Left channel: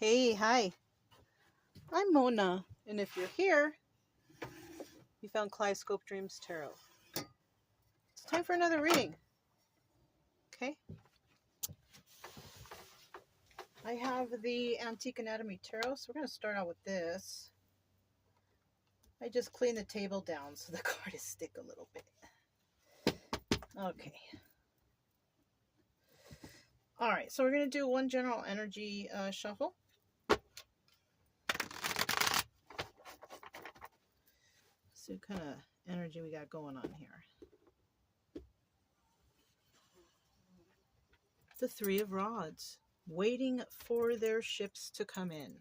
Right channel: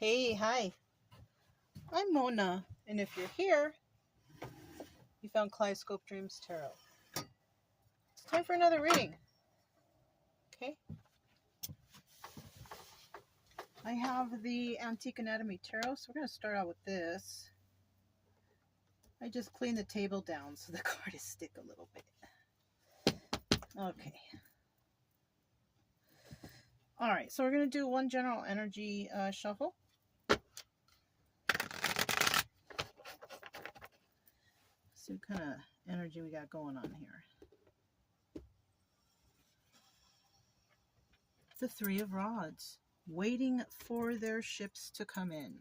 Hey, hi. I'm Mona, and if you're here, you found Kaleidoscope Dreams Tarot. It's time for another reading. Okay. I have the Antique Anatomy Tarot, so we're going to start out with this. I just cleaned the table down so the card is stick a little bit. Okay. All right, so we're going to do one general energy shuffle. See what kind of energy we got going on here. The Three of Rods, waiting for their ships to come in,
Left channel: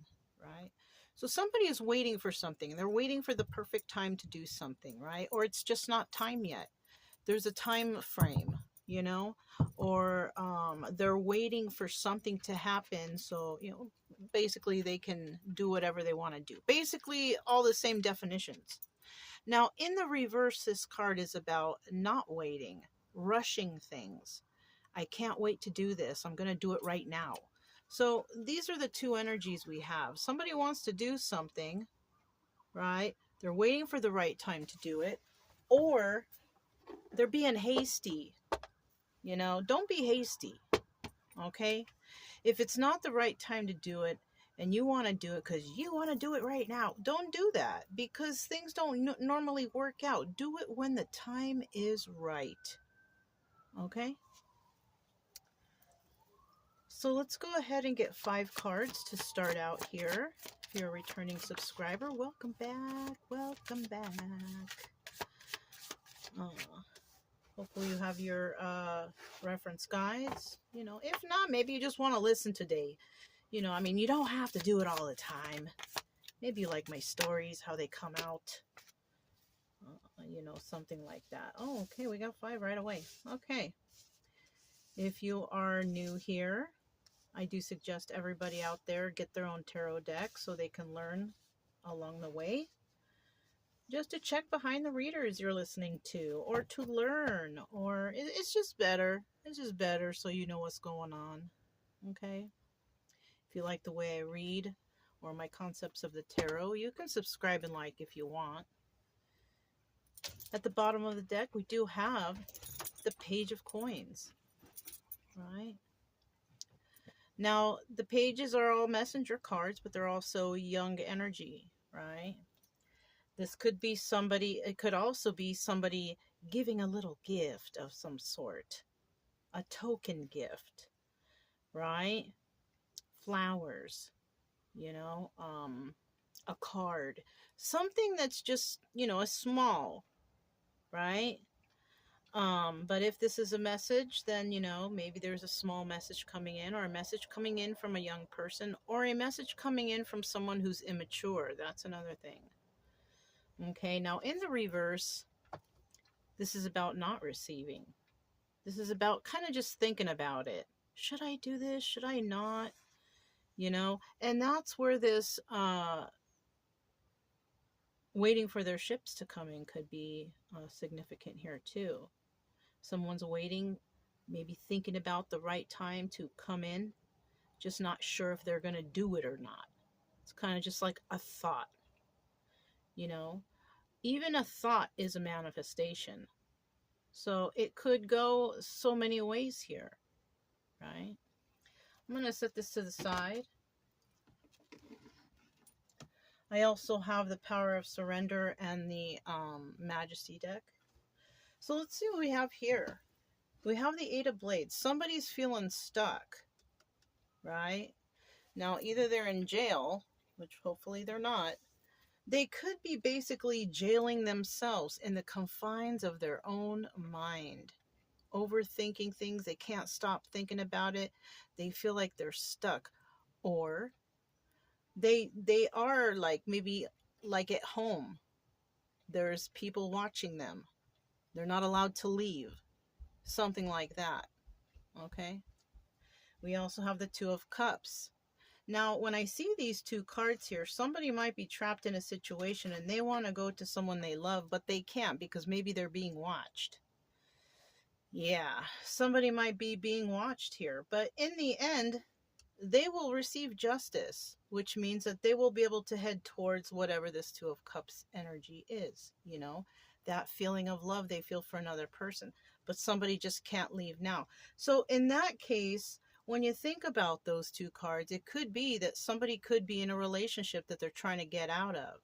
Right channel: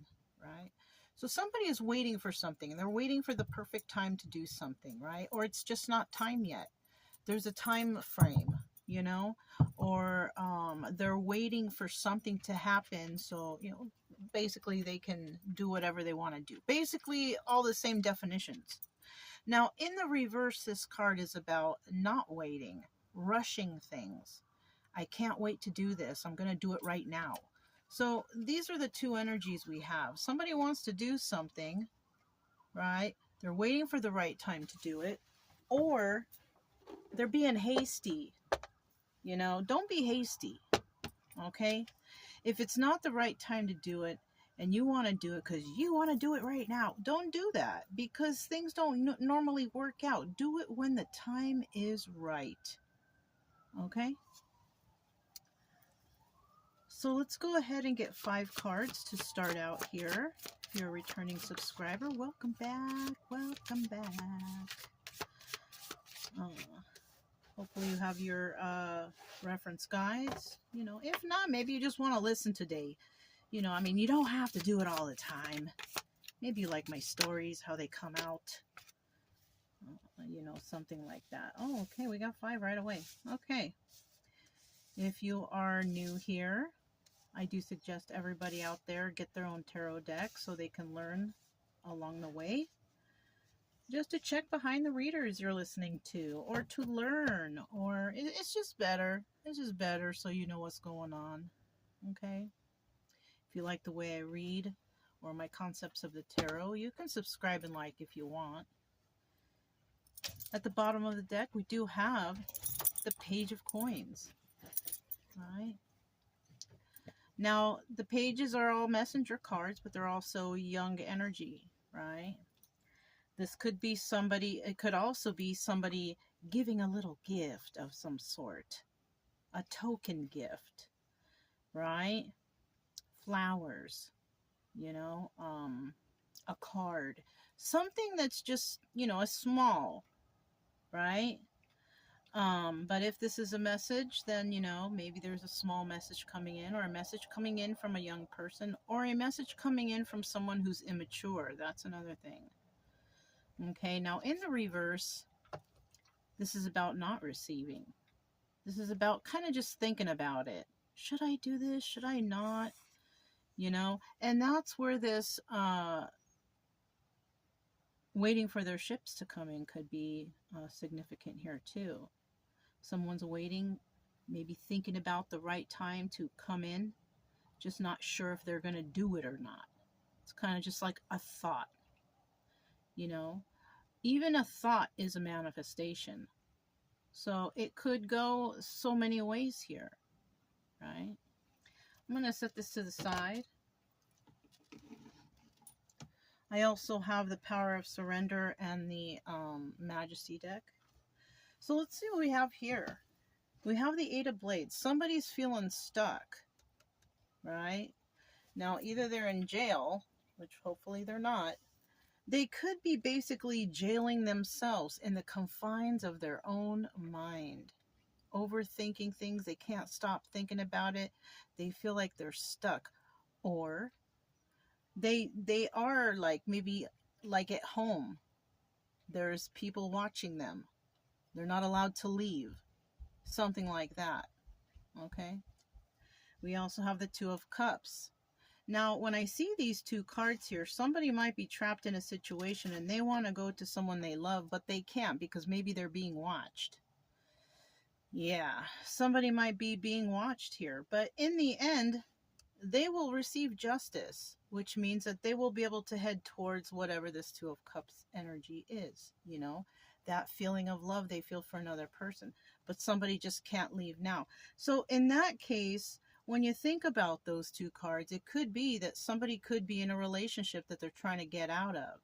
right? So somebody is waiting for something. They're waiting for the perfect time to do something, right? Or it's just not time yet. There's a time frame, you know, or they're waiting for something to happen. So, you know, basically they can do whatever they want to do. Basically all the same definitions. Now, in the reverse, this card is about not waiting, rushing things. I can't wait to do this. I'm going to do it right now. So these are the two energies we have. Somebody wants to do something, right? They're waiting for the right time to do it, or they're being hasty. You know, don't be hasty, okay? If it's not the right time to do it and you want to do it because you want to do it right now, don't do that because things don't normally work out. Do it when the time is right, okay? So let's go ahead and get 5 cards to start out here. If you're a returning subscriber, welcome back. Welcome back. Hopefully you have your reference guides. You know, if not, maybe you just want to listen today. You know, I mean, you don't have to do it all the time. Maybe you like my stories, how they come out. You know, something like that. Oh, okay, we got 5 right away. Okay. If you are new here, I do suggest everybody out there get their own tarot deck so they can learn along the way. Just to check behind the readers you're listening to, or to learn, or it's just better. It's just better so you know what's going on. Okay? If you like the way I read or my concepts of the tarot, you can subscribe and like if you want. At the bottom of the deck, we do have the Page of Coins. Right? Now, the pages are all messenger cards, but they're also young energy, right? This could be somebody, it could also be somebody giving a little gift of some sort. A token gift, right? Flowers, you know, a card. Something that's just, you know, a small, right? But if this is a message, then, you know, maybe there's a small message coming in, or a message coming in from a young person, or a message coming in from someone who's immature. That's another thing. Okay, now in the reverse, this is about not receiving. This is about kind of just thinking about it. Should I do this? Should I not? You know, and that's where this waiting for their ships to come in could be significant here too. Someone's waiting, maybe thinking about the right time to come in, just not sure if they're going to do it or not. It's kind of just like a thought, you know. Even a thought is a manifestation. So it could go so many ways here, right? I'm going to set this to the side. I also have the Power of Surrender and the Majesty deck. So let's see what we have here. We have the 8 of Blades. Somebody's feeling stuck, right? Now, either they're in jail, which hopefully they're not. They could be basically jailing themselves in the confines of their own mind. Overthinking things. They can't stop thinking about it. They feel like they're stuck. Or they are like maybe like at home. There's people watching them. They're not allowed to leave. Something like that. Okay? We also have the 2 of Cups. Now, when I see these 2 cards here, somebody might be trapped in a situation and they want to go to someone they love, but they can't because maybe they're being watched. Yeah, somebody might be being watched here. But in the end, they will receive justice, which means that they will be able to head towards whatever this Two of Cups energy is, that feeling of love they feel for another person, but somebody just can't leave now. So in that case, when you think about those two cards, it could be that somebody could be in a relationship that they're trying to get out of.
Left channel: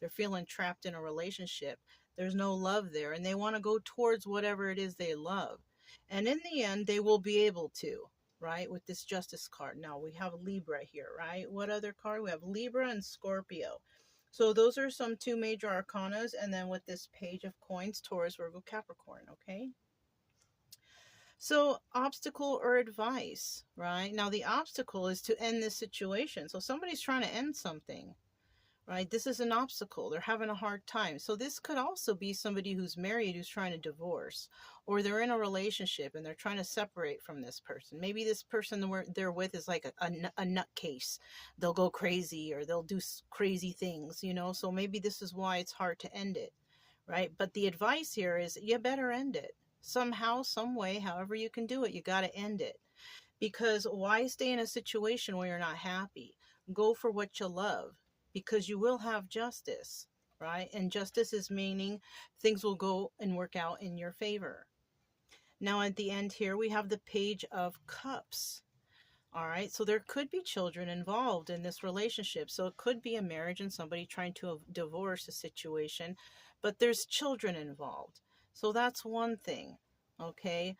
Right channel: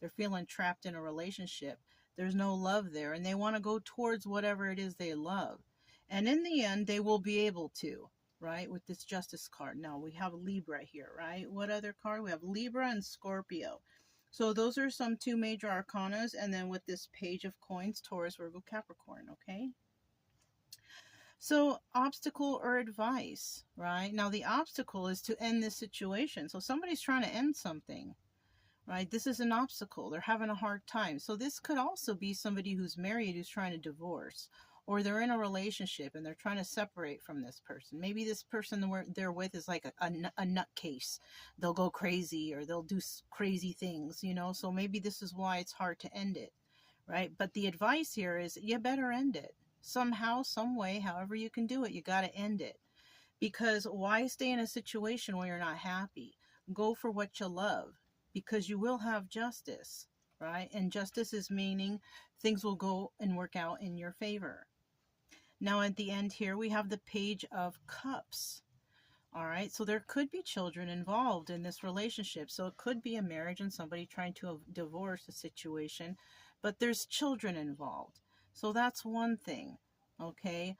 They're feeling trapped in a relationship. There's no love there, and they want to go towards whatever it is they love. And in the end, they will be able to, right? With this Justice card. Now we have Libra here, right? What other card? We have Libra and Scorpio. So those are some two major arcanas. And then with this Page of Coins, Taurus, Virgo, Capricorn, okay? So obstacle or advice, right? Now the obstacle is to end this situation. So somebody's trying to end something, right? This is an obstacle. They're having a hard time. So this could also be somebody who's married who's trying to divorce, or they're in a relationship and they're trying to separate from this person. Maybe this person they're with is like a nutcase. They'll go crazy or they'll do crazy things, So maybe this is why it's hard to end it, right? But the advice here is you better end it. Somehow, some way, however you can do it, you got to end it. Because why stay in a situation where you're not happy? Go for what you love, because you will have justice, right? And justice is meaning things will go and work out in your favor. Now at the end here, we have the Page of Cups. All right, so there could be children involved in this relationship. So it could be a marriage and somebody trying to divorce a situation, but there's children involved. So that's one thing, okay?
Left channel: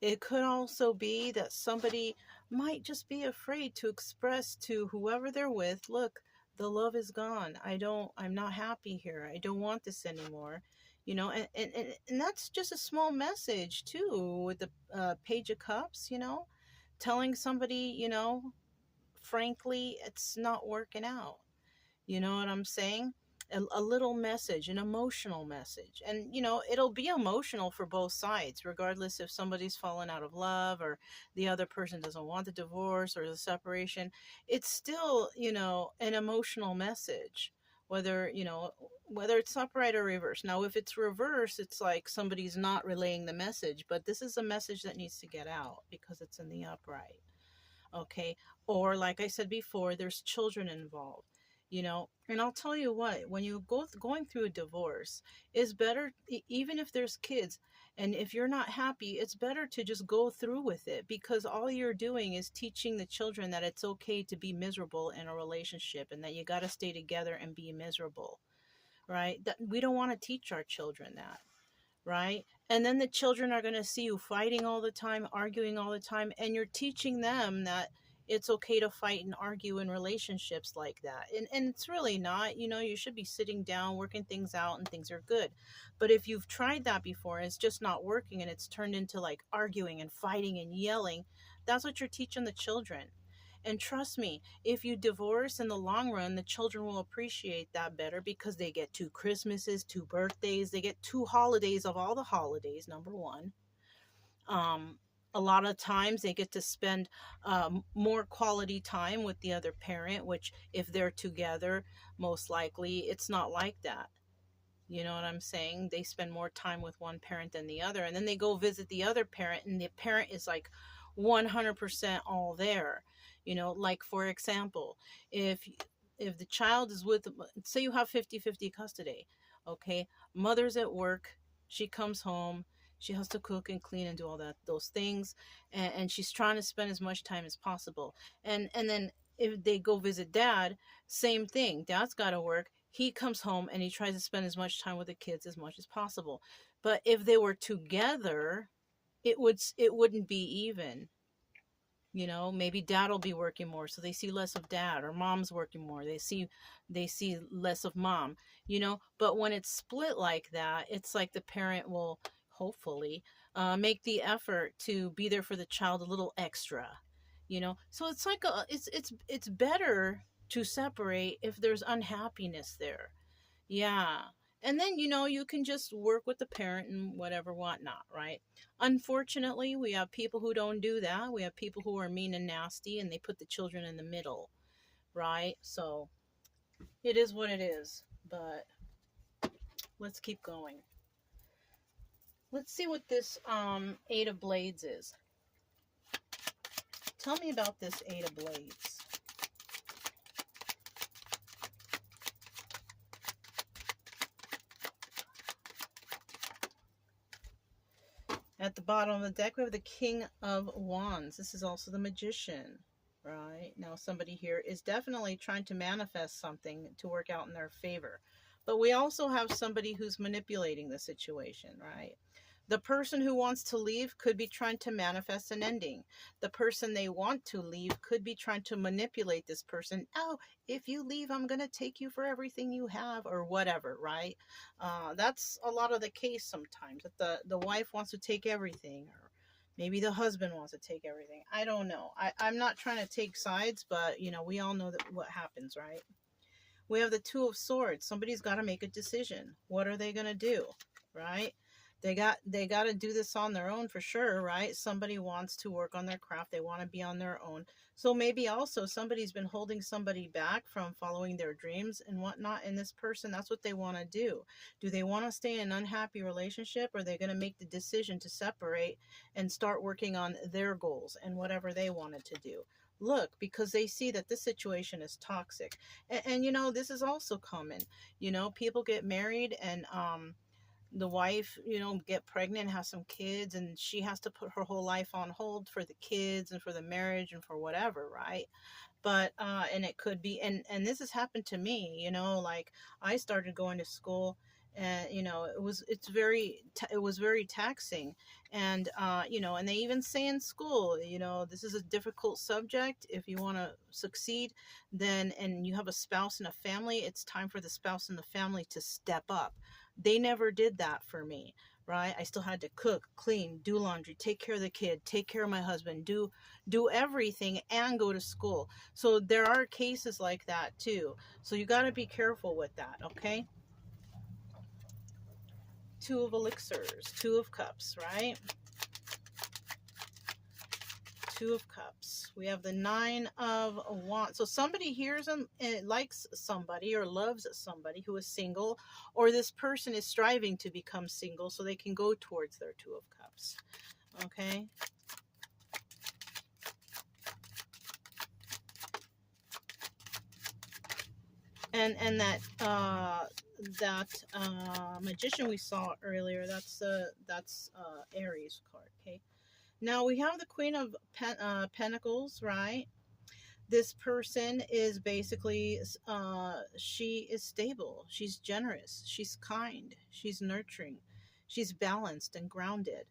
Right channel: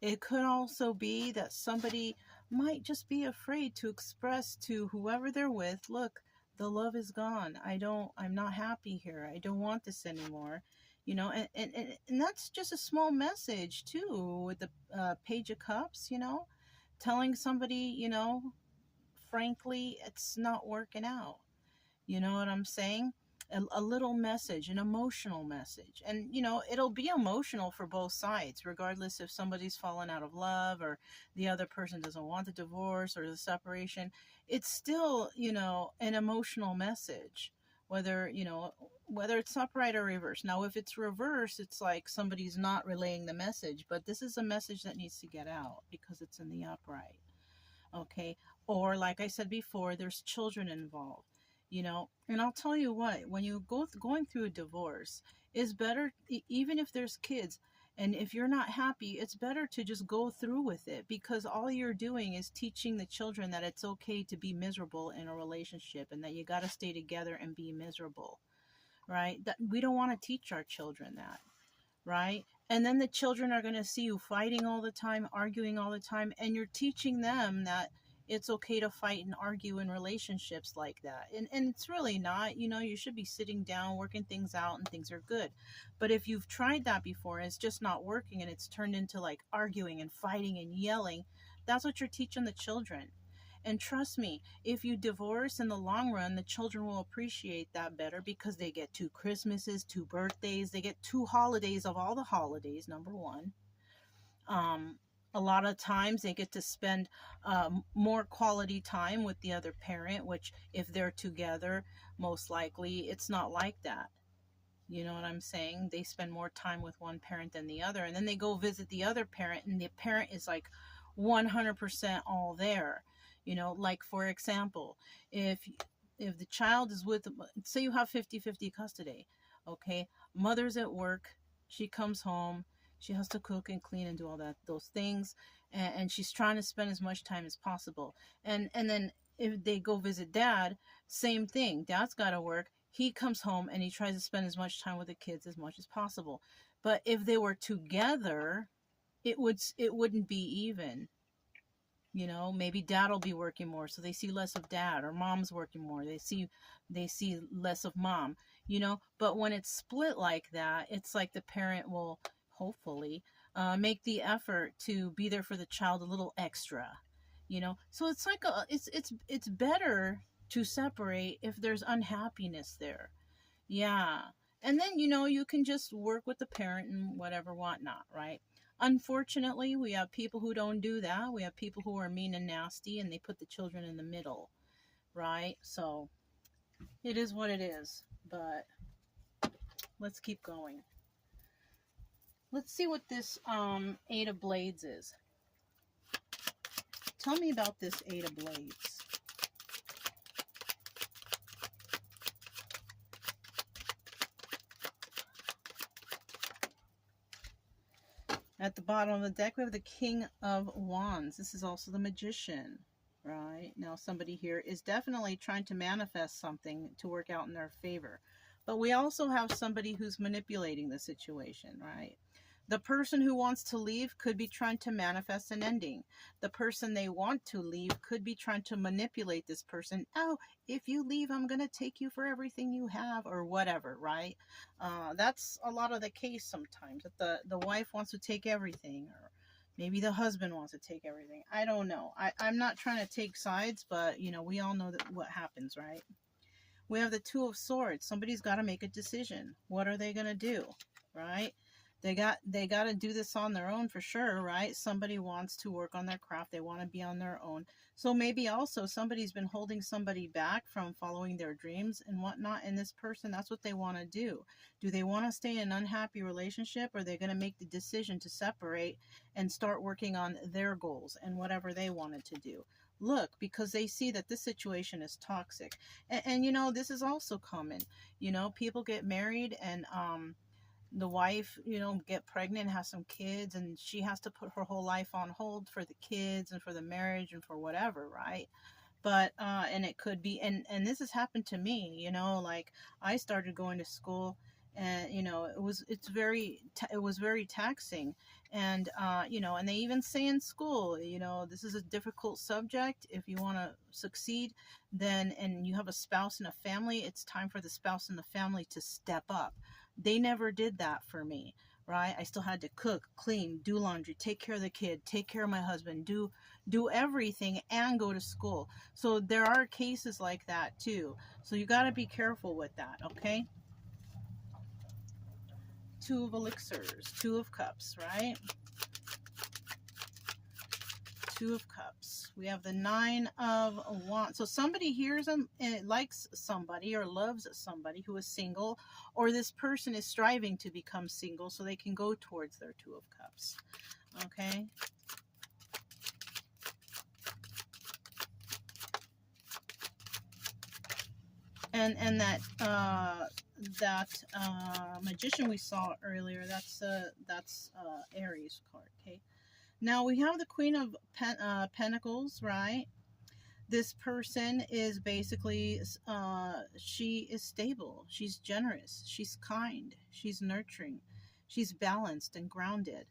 It could also be that somebody might just be afraid to express to whoever they're with, look, the love is gone. I'm not happy here. I don't want this anymore. And that's just a small message too with the Page of Cups, telling somebody, frankly, it's not working out. You know what I'm saying? A little message, an emotional message. And, it'll be emotional for both sides, regardless if somebody's fallen out of love or the other person doesn't want the divorce or the separation. It's still, an emotional message, whether it's upright or reverse. Now, if it's reverse, it's like somebody's not relaying the message, but this is a message that needs to get out because it's in the upright. Okay. Or like I said before, there's children involved, and I'll tell you what, when you going through a divorce, is better, even if there's kids, and if you're not happy, it's better to just go through with it, because all you're doing is teaching the children that it's okay to be miserable in a relationship and that you got to stay together and be miserable, right? That we don't want to teach our children that, right? And then the children are going to see you fighting all the time, arguing all the time, and you're teaching them that it's okay to fight and argue in relationships like that. And it's really not, you should be sitting down, working things out, and things are good. But if you've tried that before and it's just not working and it's turned into like arguing and fighting and yelling, that's what you're teaching the children. And trust me, if you divorce in the long run, the children will appreciate that better because they get 2 Christmases, 2 birthdays, they get 2 holidays of all the holidays, number one. A lot of times they get to spend more quality time with the other parent, which if they're together, most likely it's not like that. You know what I'm saying? They spend more time with one parent than the other, and then they go visit the other parent, and the parent is like 100% all there. Like for example, if the child is with, say you have 50-50 custody, okay, mother's at work, she comes home, she has to cook and clean and do all those things, and she's trying to spend as much time as possible. And then if they go visit dad, same thing. Dad's got to work. He comes home and he tries to spend as much time with the kids as much as possible. But if they were together, it wouldn't be even. Maybe dad will be working more, so they see less of dad, or mom's working more, they see less of mom. But when it's split like that, it's like the parent will hopefully make the effort to be there for the child a little extra. So it's like it's better to separate if there's unhappiness there. Yeah. And then, you can just work with the parent and whatever, whatnot, right? Unfortunately, we have people who don't do that. We have people who are mean and nasty and they put the children in the middle, right? So it is what it is. But let's keep going. Let's see what this Eight of Blades is. Tell me about this Eight of Blades. At the bottom of the deck, we have the King of Wands. This is also the Magician, right? Now, somebody here is definitely trying to manifest something to work out in their favor. But we also have somebody who's manipulating the situation, right? The person who wants to leave could be trying to manifest an ending. The person they want to leave could be trying to manipulate this person. Oh, if you leave, I'm going to take you for everything you have, or whatever, right? That's a lot of the case sometimes, that the wife wants to take everything, or maybe the husband wants to take everything. I don't know. I'm not trying to take sides, but, you know, we all know that what happens, right? We have the Two of Swords. Somebody's got to make a decision. What are they going to do, right? They got to do this on their own for sure, right? Somebody wants to work on their craft. They want to be on their own. So maybe also somebody's been holding somebody back from following their dreams and whatnot. And this person, that's what they want to do. Do they want to stay in an unhappy relationship, or are they going to make the decision to separate and start working on their goals and whatever they wanted to do? Look, because they see that this situation is toxic. And you know, this is also common. You know, people get married, and the wife, you know, get pregnant, have some kids, and she has to put her whole life on hold for the kids and for the marriage and for whatever, right? But and it could be, and this has happened to me, you know, like I started going to school, and you know, it was very taxing. And you know, and they even say in school, you know, this is a difficult subject. If you want to succeed, then, and you have a spouse and a family, it's time for the spouse and the family to step up. They never did that for me, right? I still had to cook, clean, do laundry, take care of the kid, take care of my husband, do everything, and go to school. So there are cases like that too. So you got to be careful with that, okay? Two of Elixirs, Two of Cups, right? Two of Cups. We have the Nine of Wands. So somebody here likes somebody or loves somebody who is single, or this person is striving to become single so they can go towards their Two of Cups. Okay. And that Magician we saw earlier, that's Aries card. Okay. Now we have the Queen of Pentacles, right? This person is basically, she is stable, she's generous, she's kind, she's nurturing, she's balanced and grounded.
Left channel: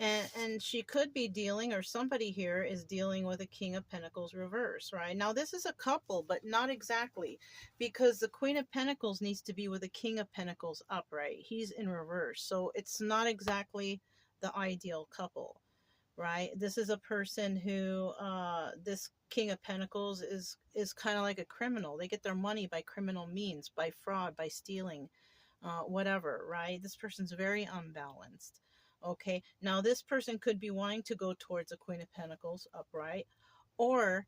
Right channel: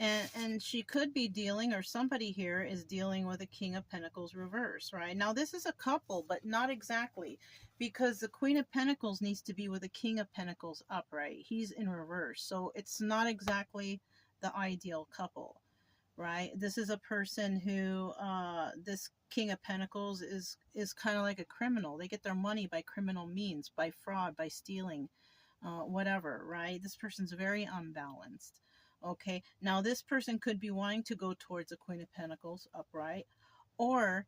And she could be dealing, or somebody here is dealing with a King of Pentacles reverse, right? Now this is a couple, but not exactly, because the Queen of Pentacles needs to be with the King of Pentacles upright. He's in reverse, so it's not exactly the ideal couple, right? This is a person who, this King of Pentacles is kind of like a criminal. They get their money by criminal means, by fraud, by stealing, whatever, right? This person's very unbalanced. Okay, now this person could be wanting to go towards the Queen of Pentacles upright, or,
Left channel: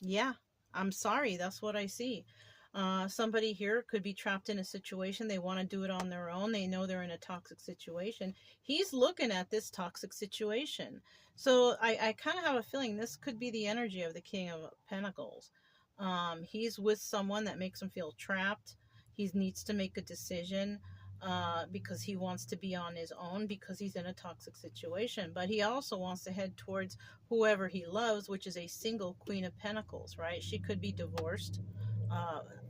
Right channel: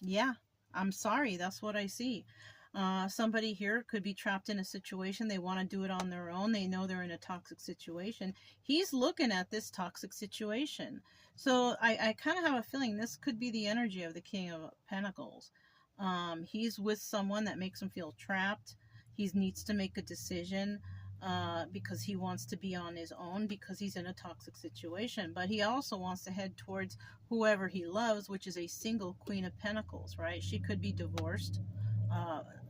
yeah, I'm sorry, that's what I see. Somebody here could be trapped in a situation. They want to do it on their own. They know they're in a toxic situation. He's looking at this toxic situation. So I kind of have a feeling this could be the energy of the King of Pentacles. He's with someone that makes him feel trapped. He needs to make a decision, because he wants to be on his own, because he's in a toxic situation. But he also wants to head towards whoever he loves, which is a single Queen of Pentacles, right? She could be divorced,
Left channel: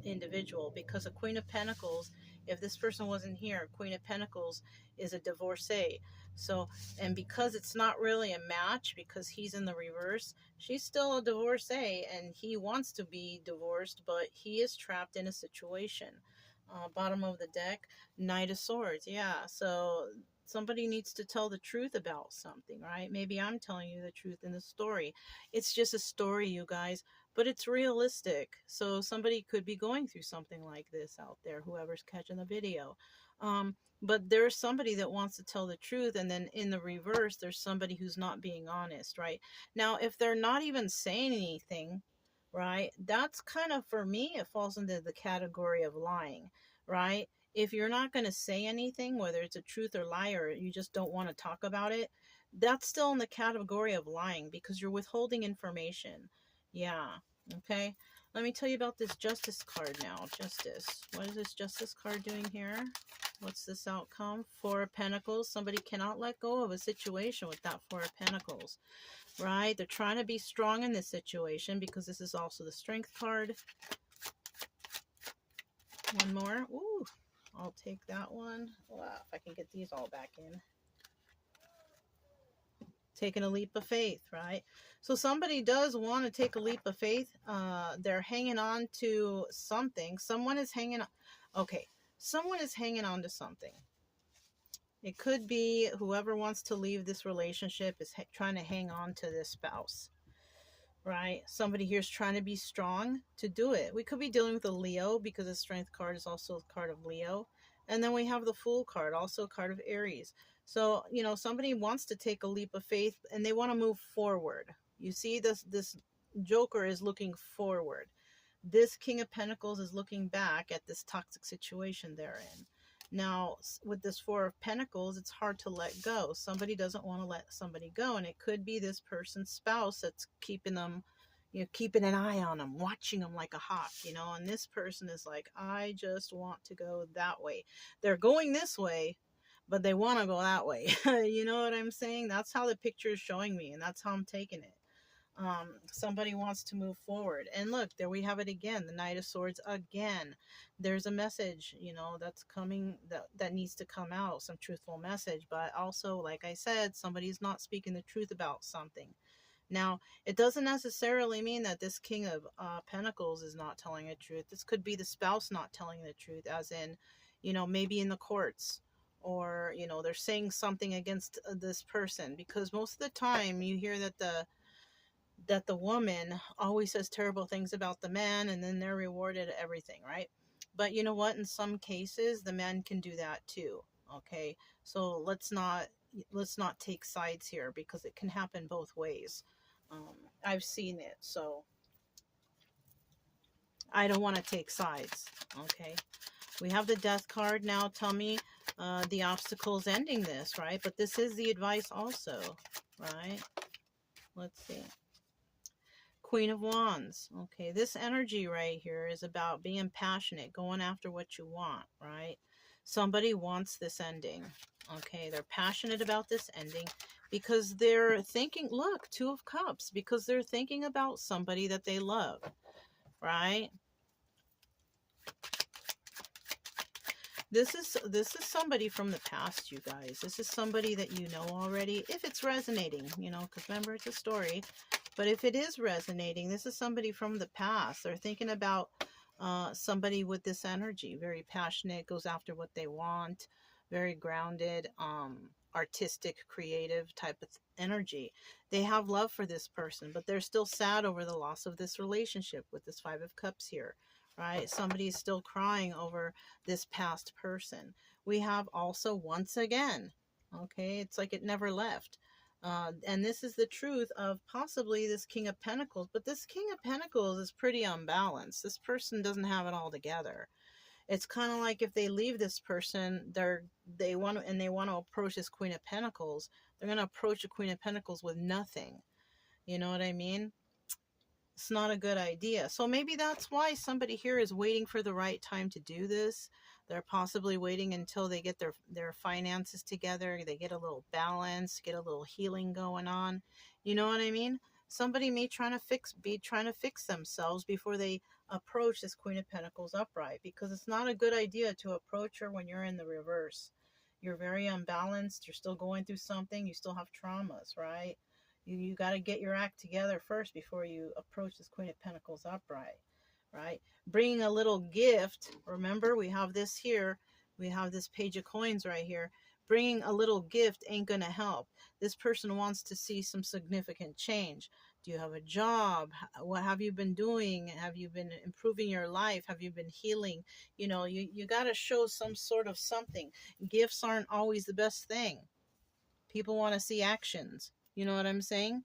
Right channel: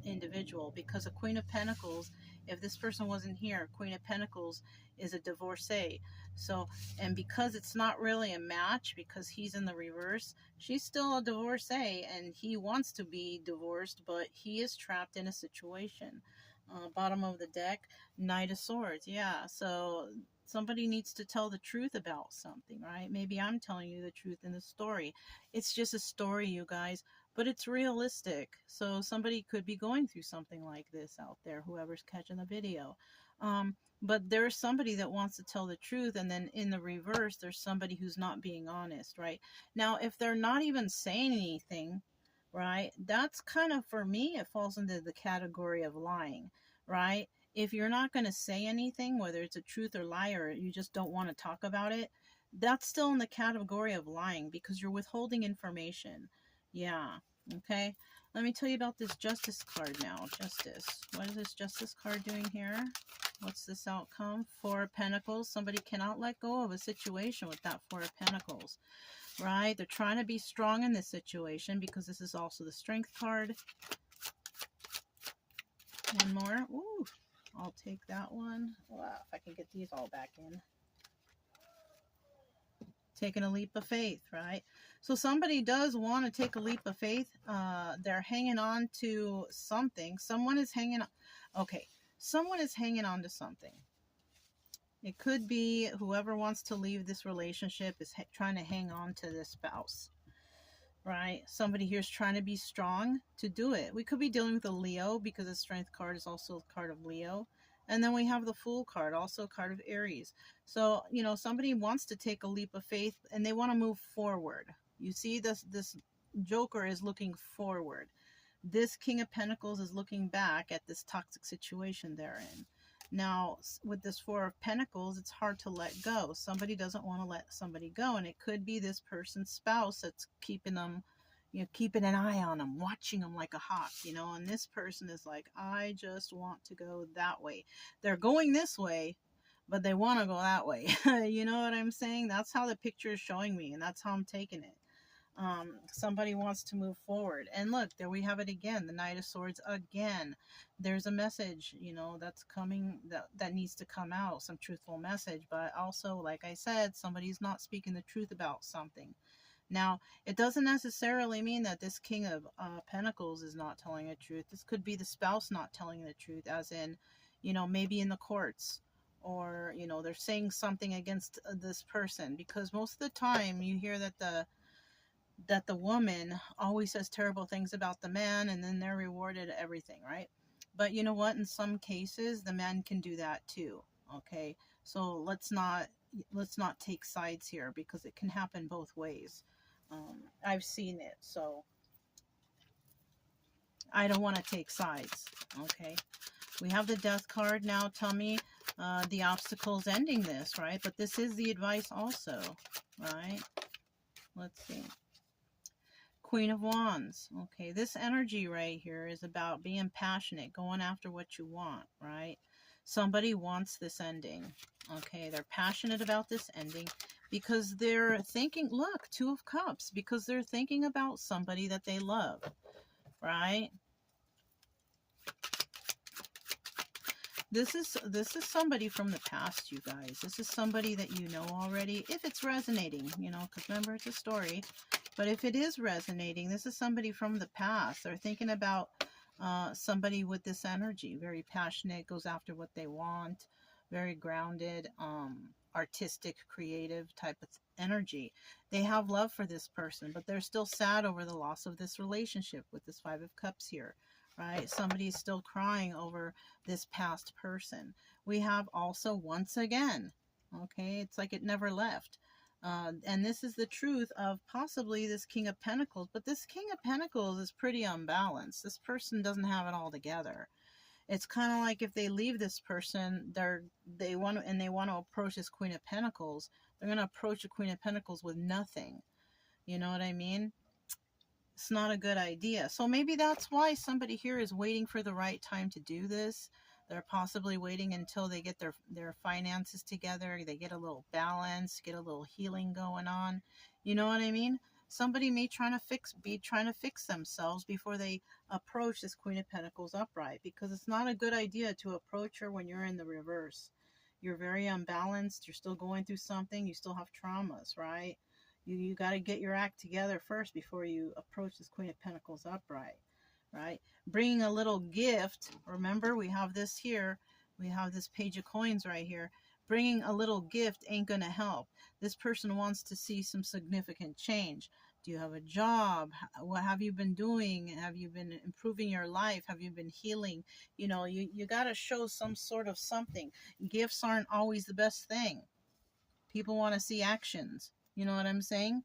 individual, because a Queen of Pentacles, if this person wasn't here, Queen of Pentacles is a divorcee. So, and because it's not really a match, because he's in the reverse, she's still a divorcee, and he wants to be divorced, but he is trapped in a situation. Bottom of the deck, Knight of Swords. Yeah, so somebody needs to tell the truth about something, right? Maybe I'm telling you the truth in the story. It's just a story, you guys, but it's realistic. So somebody could be going through something like this out there, whoever's catching the video. But there's somebody that wants to tell the truth, and then in the reverse, there's somebody who's not being honest, right? Now, if they're not even saying anything, right, that's kind of, for me, it falls into the category of lying, right? If you're not going to say anything, whether it's a truth or lie, or you just don't want to talk about it, That's still in the category of lying because you're withholding information. Yeah. Okay. Let me tell you about this justice card now. Justice. What is this justice card doing here? What's this outcome? Four of Pentacles. Somebody cannot let go of a situation with that Four of Pentacles. Right? They're trying to be strong in this situation because this is also the Strength card. And more. Ooh. I'll take that one. Wow, if I can get these all back in. Taking a leap of faith, right? So somebody does want to take a leap of faith. They're hanging on to something. Someone is hanging on. Okay, someone is hanging on to something. It could be whoever wants to leave this relationship is trying to hang on to this spouse, right? Somebody here is trying to be strong to do it. We could be dealing with a Leo because the Strength card is also a card of Leo. And then we have the Fool card, also a card of Aries. So, you know, somebody wants to take a leap of faith and they want to move forward. You see, this Joker is looking forward. This King of Pentacles is looking back at this toxic situation they're in. Now, with this Four of Pentacles, it's hard to let go. Somebody doesn't want to let somebody go, and it could be this person's spouse that's keeping them, you know, keeping an eye on them, watching them like a hawk, you know, and this person is like, I just want to go that way. They're going this way, but they want to go that way. You know what I'm saying? That's how the picture is showing me, and that's how I'm taking it. Somebody wants to move forward. And look, there we have it again, the Knight of Swords again. There's a message, you know, that's coming, that needs to come out, some truthful message. But also, like I said, somebody's not speaking the truth about something. Now, it doesn't necessarily mean that this King of Pentacles is not telling the truth. This could be the spouse not telling the truth, as in, you know, maybe in the courts, or, you know, they're saying something against this person. Because most of the time you hear that the woman always says terrible things about the man, and then they're rewarded everything, right? But you know what? In some cases, the man can do that too. Okay, so let's not take sides here, because it can happen both ways. I've seen it, so I don't want to take sides. Okay, we have the Death card now. Tell me the obstacles ending this, right? But this is the advice also, right? Let's see. Queen of Wands. Okay, this energy right here is about being passionate, going after what you want, right? Somebody wants this ending. Okay, they're passionate about this ending because they're thinking, look, Two of Cups, because they're thinking about somebody that they love, right? This is somebody from the past, you guys. This is somebody that you know already, if it's resonating, you know, because remember, it's a story. But if it is resonating, this is somebody from the past. They're thinking about somebody with this energy, very passionate, goes after what they want, very grounded, artistic, creative type of energy. They have love for this person, but they're still sad over the loss of this relationship with this Five of Cups here, right? Somebody is still crying over this past person. We have also once again, okay? It's like it never left. And this is the truth of possibly this King of Pentacles. But this King of Pentacles is pretty unbalanced. This person doesn't have it all together. It's kind of like if they leave this person, they want to approach this Queen of Pentacles, they're going to approach the Queen of Pentacles with nothing. You know what I mean? It's not a good idea. So maybe that's why somebody here is waiting for the right time to do this. They're possibly waiting until they get their finances together. They get a little balance, get a little healing going on. You know what I mean? Somebody may be trying to fix themselves before they approach this Queen of Pentacles upright, because it's not a good idea to approach her when you're in the reverse. You're very unbalanced. You're still going through something. You still have traumas, right? You got to get your act together first before you approach this Queen of Pentacles upright, right? Bringing a little gift. Remember, we have this here. We have this Page of Coins right here. Bringing a little gift ain't going to help. This person wants to see some significant change. Do you have a job? What have you been doing? Have you been improving your life? Have you been healing? You know, you got to show some sort of something. Gifts aren't always the best thing. People want to see actions. You know what I'm saying?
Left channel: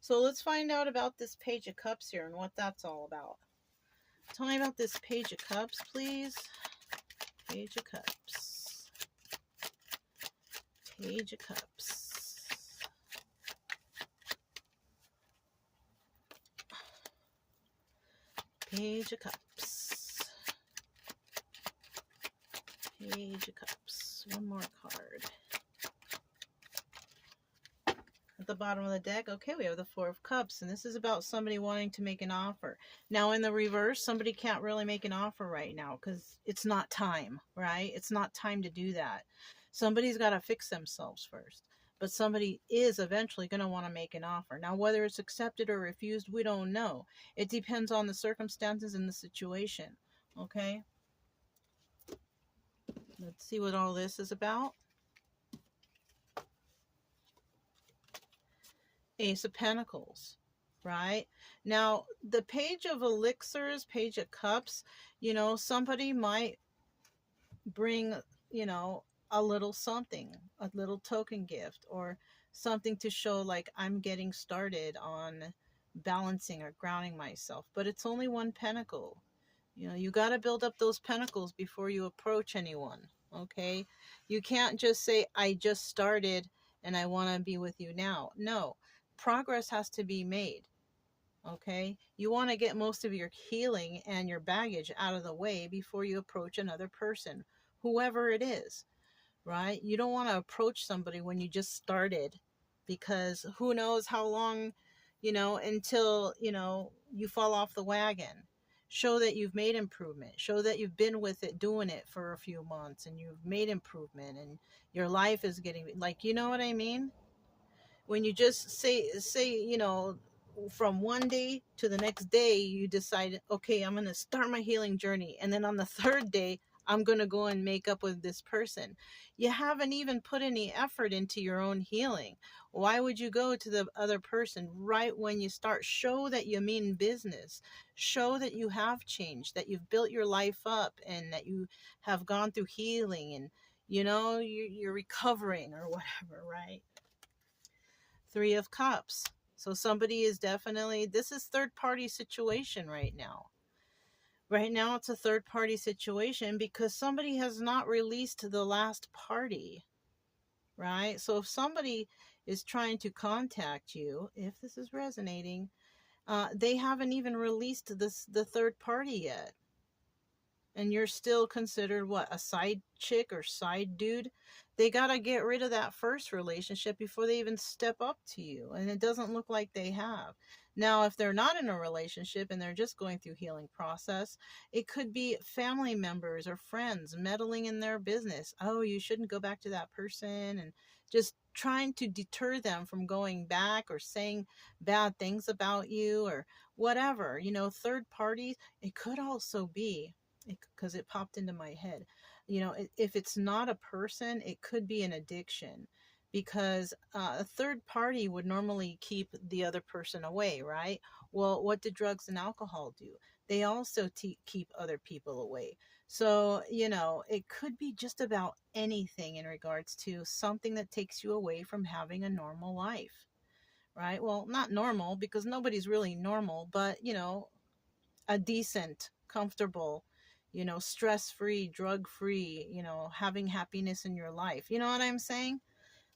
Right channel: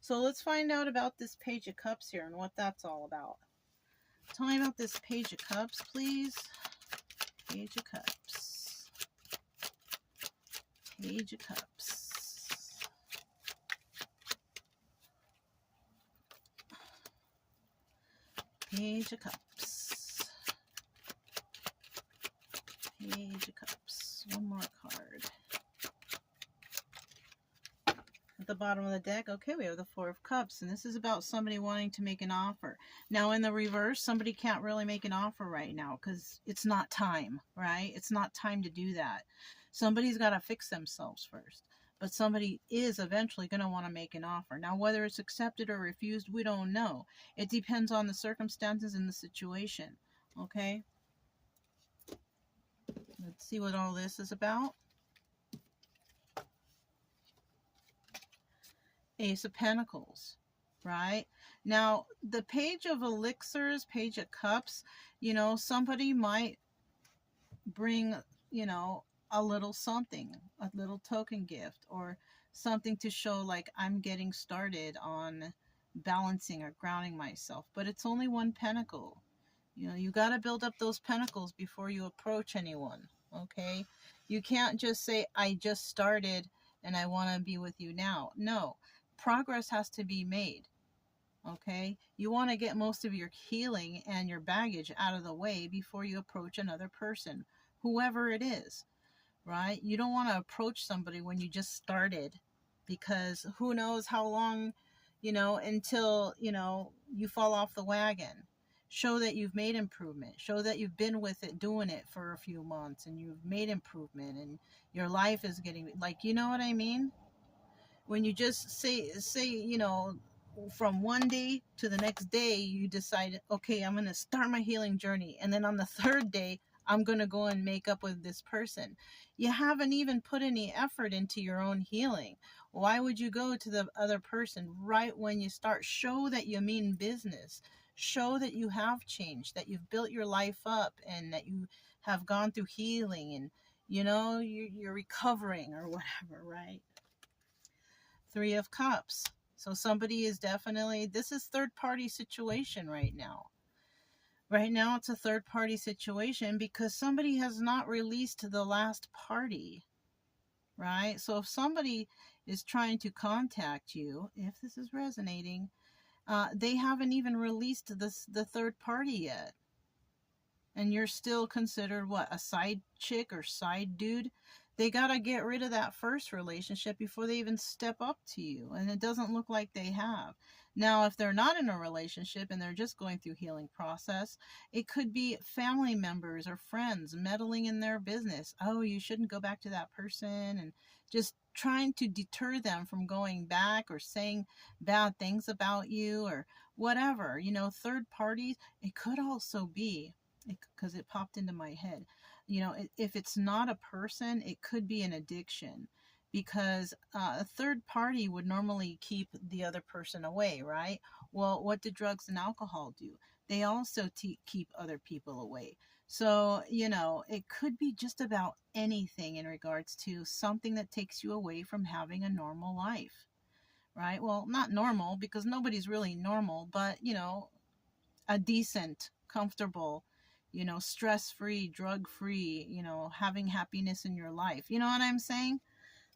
So let's find out about this Page of Cups here and what that's all about. Tell me about this Page of Cups, please. Page of Cups. Page of Cups. Page of Cups. Page of Cups. One more card. At the bottom of the deck, okay, we have the Four of Cups, and this is about somebody wanting to make an offer. Now, in the reverse, somebody can't really make an offer right now because it's not time, right? It's not time to do that. Somebody's got to fix themselves first, but somebody is eventually going to want to make an offer. Now, whether it's accepted or refused, we don't know. It depends on the circumstances and the situation, okay? Let's see what all this is about. Ace of Pentacles, right? Now, the Page of Elixirs, Page of Cups, you know, somebody might bring, you know, a little something, a little token gift, or something to show like I'm getting started on balancing or grounding myself. But it's only one pentacle. You know, you got to build up those pentacles before you approach anyone, okay? You can't just say, I just started and I want to be with you now. No. Progress has to be made, okay? You want to get most of your healing and your baggage out of the way before you approach another person, whoever it is, right? You don't want to approach somebody when you just started, because who knows how long, you know, until, you know, you fall off the wagon. Show that you've made improvement. Show that you've been with it, doing it for a few months, and you've made improvement, and your life is getting, like, you know what I mean? When you just say, you know, from one day to the next day, you decide, okay, I'm going to start my healing journey. And then on the third day, I'm going to go and make up with this person. You haven't even put any effort into your own healing. Why would you go to the other person right when you start? Show that you mean business. Show that you have changed, that you've built your life up, and that you have gone through healing, and, you know, you're recovering or whatever, right? Three of Cups. So somebody is definitely, this is third party situation right now. Right now it's a third party situation because somebody has not released the last party, right? So if somebody is trying to contact you, if this is resonating, they haven't even released the third party yet. And you're still considered what, a side chick or side dude? They got to get rid of that first relationship before they even step up to you. And it doesn't look like they have. Now, if they're not in a relationship and they're just going through healing process, it could be family members or friends meddling in their business. Oh, you shouldn't go back to that person, and just trying to deter them from going back or saying bad things about you or whatever. You know, third parties, it could also be, because it popped into my head, you know, if it's not a person, it could be an addiction, because a third party would normally keep the other person away, right? Well, what do drugs and alcohol do? They also keep other people away. So, you know, it could be just about anything in regards to something that takes you away from having a normal life, right? Well, not normal, because nobody's really normal, but, you know, a decent, comfortable, you know, stress-free, drug-free, you know, having happiness in your life. You know what I'm saying?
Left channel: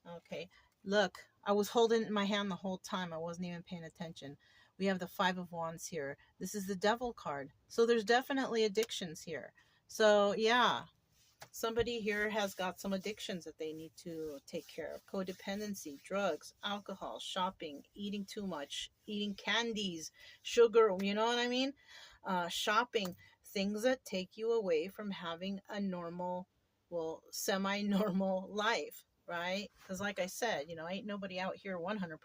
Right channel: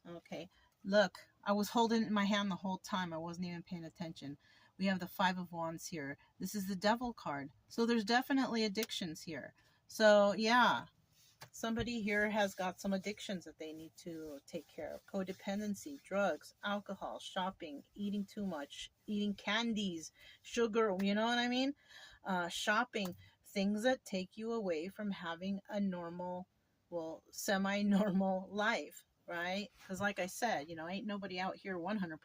Okay. Look, I was holding it in my hand the whole time. I wasn't even paying attention. We have the Five of Wands here. This is the Devil card. So there's definitely addictions here. So yeah, somebody here has got some addictions that they need to take care of. Codependency, drugs, alcohol, shopping, eating too much, eating candies, sugar, you know what I mean? Shopping, things that take you away from having a normal, well, semi-normal life, right? Because like I said, you know, ain't nobody out here 100%,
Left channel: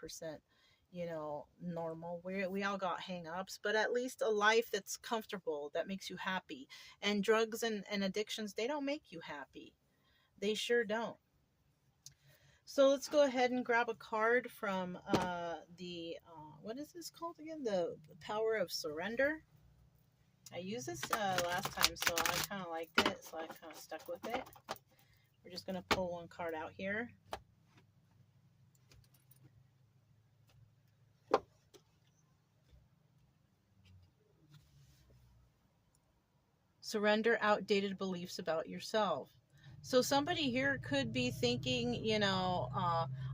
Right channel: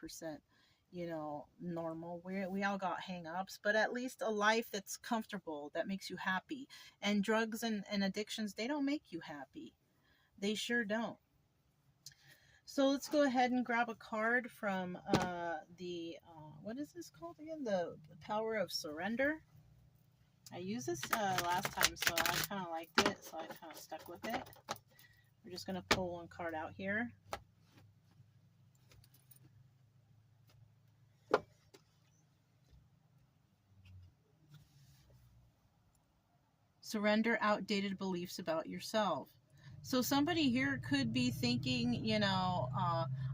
you know, normal. We all got hang-ups, but at least a life that's comfortable, that makes you happy. And drugs and addictions, they don't make you happy. They sure don't. So let's go ahead and grab a card from what is this called again? The Power of Surrender. I used this last time, so I kind of liked it, so I kind of stuck with it. We're just going to pull one card out here. Surrender outdated beliefs about yourself. So somebody here could be thinking, you know,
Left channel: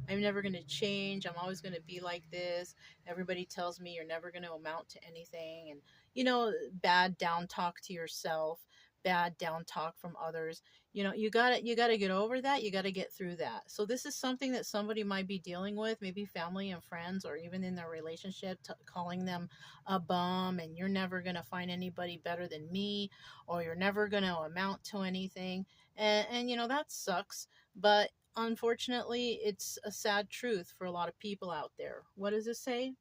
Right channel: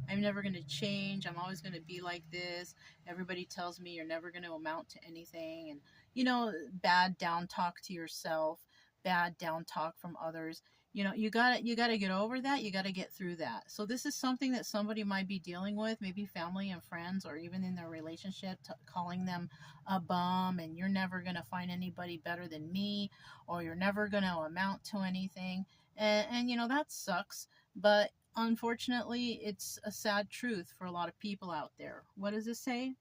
I'm never going to change. I'm always going to be like this. Everybody tells me you're never going to amount to anything. And, bad down talk to yourself, bad down talk from others. You got to get over that. You got to get through that. So this is something that somebody might be dealing with, maybe family and friends, or even in their relationship, calling them a bum, and you're never going to find anybody better than me, or you're never going to amount to anything. And that sucks. But unfortunately, it's a sad truth for a lot of people out there. What does it say?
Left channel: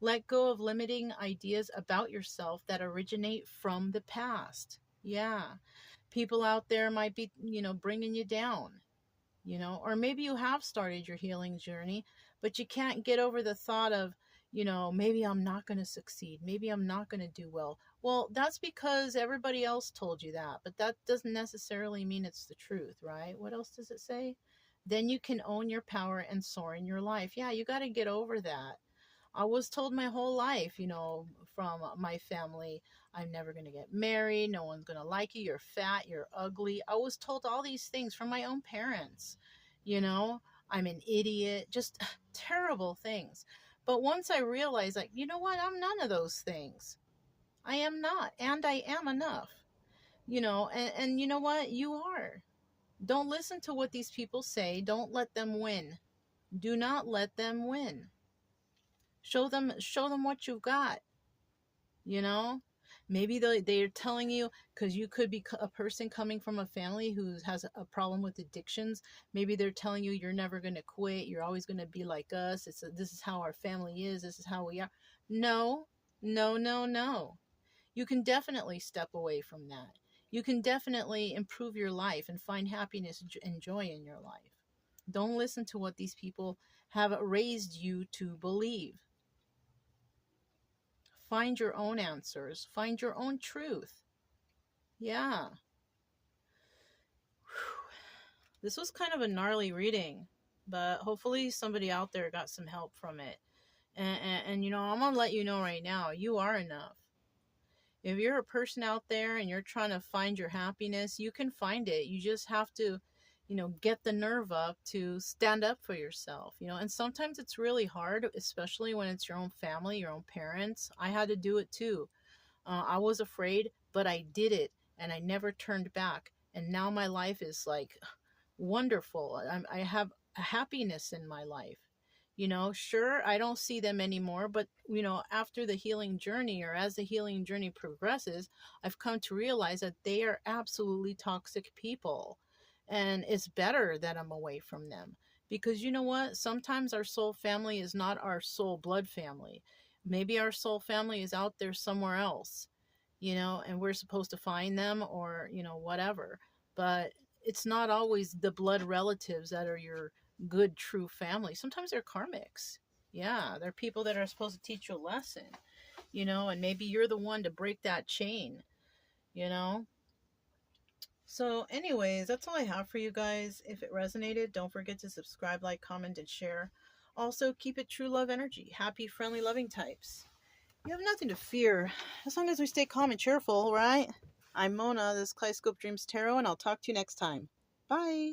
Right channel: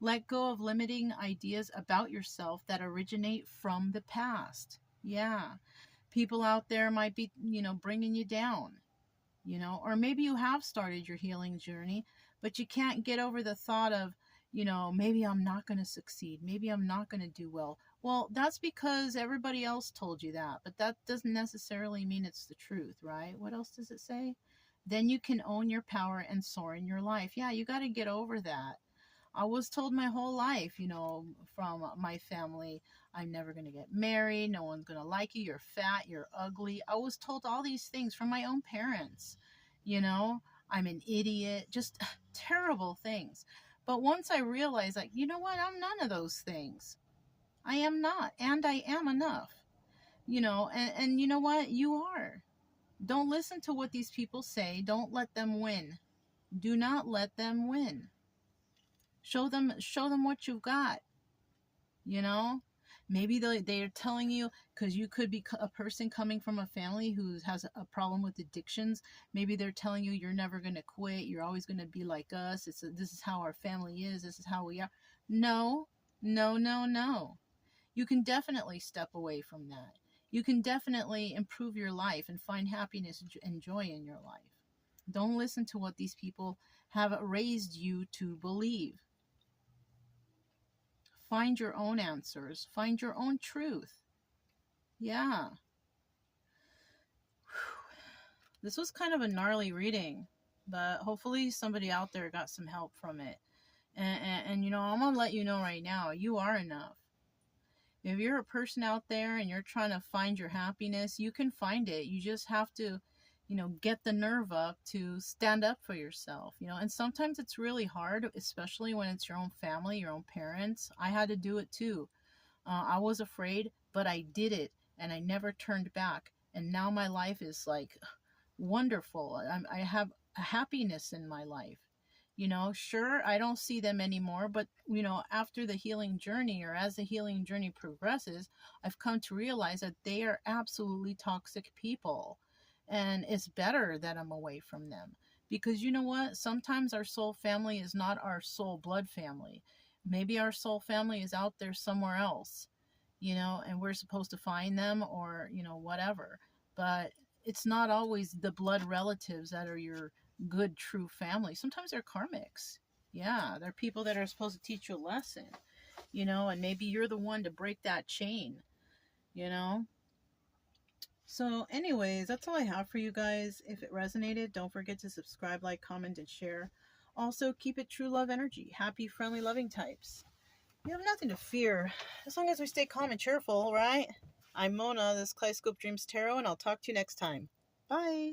Let go of limiting ideas about yourself that originate from the past. Yeah. People out there might be, bringing you down, or maybe you have started your healing journey, but you can't get over the thought of, maybe I'm not going to succeed. Maybe I'm not going to do well. Well, that's because everybody else told you that, but that doesn't necessarily mean it's the truth, right? What else does it say? Then you can own your power and soar in your life. Yeah, you got to get over that. I was told my whole life, from my family, I'm never going to get married. No one's going to like you. You're fat. You're ugly. I was told all these things from my own parents. I'm an idiot. Just terrible things. But once I realized, like, you know what? I'm none of those things. I am not. And I am enough. And you know what? You are. Don't listen to what these people say. Don't let them win. Do not let them win. Show them what you've got. Maybe they're telling you, because you could be a person coming from a family who has a problem with addictions. Maybe they're telling you you're never going to quit. You're always going to be like us. This is how our family is. This is how we are. No, no, no, no. You can definitely step away from that. You can definitely improve your life and find happiness and joy in your life. Don't listen to what these people have raised you to believe. Find your own answers. Find your own truth. Yeah. This was kind of a gnarly reading, but hopefully somebody out there got some help from it. And I'm going to let you know right now, you are enough. If you're a person out there and you're trying to find your happiness, you can find it. You just have to, get the nerve up to stand up for yourself, and sometimes it's really hard, especially when it's your own family, your own parents. I had to do it too. I was afraid, but I did it, and I never turned back. And now my life is like wonderful. I have a happiness in my life. Sure, I don't see them anymore, but after the healing journey, or as the healing journey progresses, I've come to realize that they are absolutely toxic people. And it's better that I'm away from them. Because you know what? Sometimes our soul family is not our soul blood family. Maybe our soul family is out there somewhere else, and we're supposed to find them, or, whatever. But it's not always the blood relatives that are your good, true family. Sometimes they're karmics. Yeah, they're people that are supposed to teach you a lesson, and maybe you're the one to break that chain, So anyways, that's all I have for you guys. If it resonated, don't forget to subscribe, like, comment, and share. Also, keep it true love energy. Happy, friendly, loving types. You have nothing to fear, as long as we stay calm and cheerful, right? I'm Mona, this Kaleidoscope Dreams Tarot, and I'll talk to you next time. Bye!